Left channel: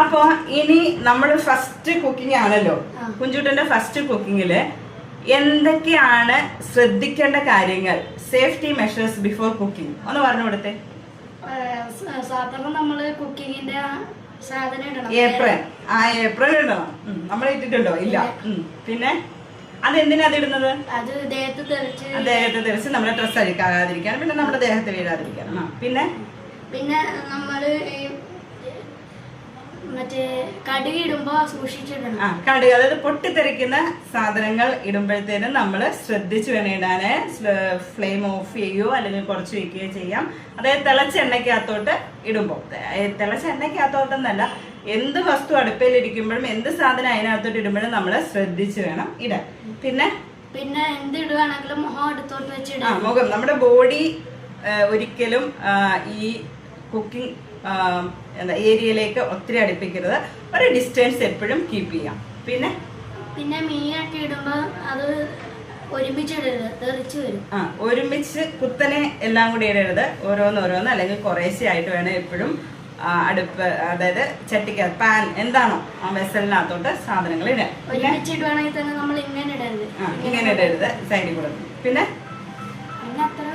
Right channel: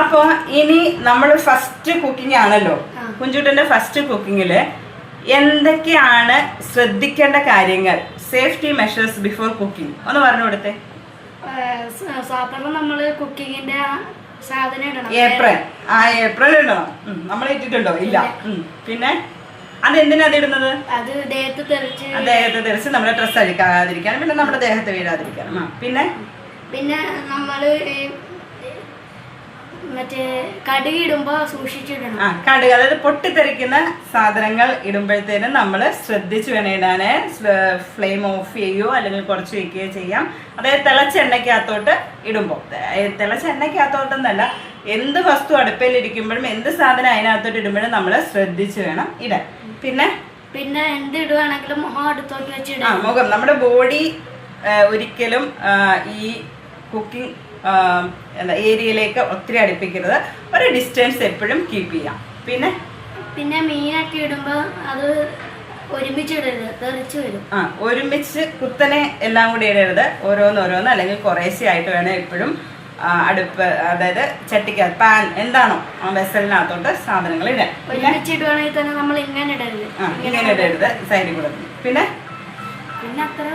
അപ്പൊ ഇനി നമ്മൾ ഫസ്റ്റ് കുക്കിംഗ് ആണല്ലോ. കുഞ്ചുട്ടന്റെ ഫസ്റ്റ് കുക്കിങ്ങില് എന്തൊക്കെയാണ് ശ്രദ്ധിക്കേണ്ട കാര്യങ്ങൾ, സേഫ്റ്റി മെഷേഴ്സ് ബിഫോർ കുക്കിംഗ് ഒന്ന് പറഞ്ഞു കൊടുത്തേ. സാധാരണ നമ്മള് കുക്കിങ്ങിന്റെ സാധനം ഇടണം. ഏപ്രിൽ ഇടണോ? നമ്മൾ ഇട്ടിട്ടുണ്ടോ? ഇല്ല. പിന്നെ അതെന്തിനാ അതിടുന്നത്? അത് ദേഹത്ത് തെറിച്ച് നമ്മുടെ ഡ്രസ്സ് അഴിക്കാതിരിക്കാൻ, പിന്നെ നമ്മുടെ ദേഹത്ത് വീഴാതിരിക്കാൻ. പിന്നെ നമ്മള് മറ്റേ കടുക് ഇടുമ്പോ സൂക്ഷിച്ചിടണം. കടുക്, അതായത് പൊട്ടിത്തെറിക്കുന്ന സാധനങ്ങൾ ഇടുമ്പോഴത്തേനും നമ്മൾ ശ്രദ്ധിച്ചു വേണം ഇടാന്. ഫ്ലെയിം ഓഫ് ചെയ്യുകയോ അല്ലെങ്കിൽ കുറച്ച് വെക്കുകയോ ചെയ്യാം. അതായത് തിളച്ച എണ്ണയ്ക്കകത്തോട്ട് ഇടുമ്പോൾ, തിളച്ച എണ്ണയ്ക്കകത്തോട്ടെന്നല്ല, എന്ത് വസ്തു അടുപ്പിലിരിക്കുമ്പോഴും എന്ത് സാധനം അതിനകത്തോട്ട് ഇടുമ്പോഴും നമ്മൾ ശ്രദ്ധിച്ചു വേണം ഇടാൻ. പിന്നെ എന്ത് ഇടുവാണെങ്കിലും മുഖം അടുത്തോട്ട് വെച്ചിടാം. മുഖം, നമ്മുടെ ബോഡി ഒരിക്കലും ഈ കുക്കിംഗ് ഏരിയയിലേക്ക് ഒത്തിരി അടുപ്പിക്കരുത്. ഒരു ഡിസ്റ്റൻസ് എപ്പോഴും കീപ്പ് ചെയ്യാം. പിന്നെ മീനൊക്കെ ഇടുമ്പോ അത് ഒരുമിച്ചിടരുത്, തെറിച്ച് വരും. ഒരുമിച്ച് കുത്തനെ എല്ലാം കൂടി ഇടരുത്. ഓരോന്നോരോന്ന് അല്ലെങ്കിൽ കുറേശ്ശെ ആയിട്ട് വേണം എപ്പോഴും അടുപ്പ്, അതായത് ചട്ടിക്ക് പാൻ എന്താണോ ആ വെസലിനകത്തോട്ട് സാധനങ്ങൾ ഇടാൻ. ഒരുമിച്ചിടുവാണെങ്കിൽ തന്നെ നമ്മൾ ഇങ്ങനെ ഇടരുത്, ഇങ്ങനെ ഇടരുത്, സൈഡിൽ കൂടെ. പിന്നെ അത്ര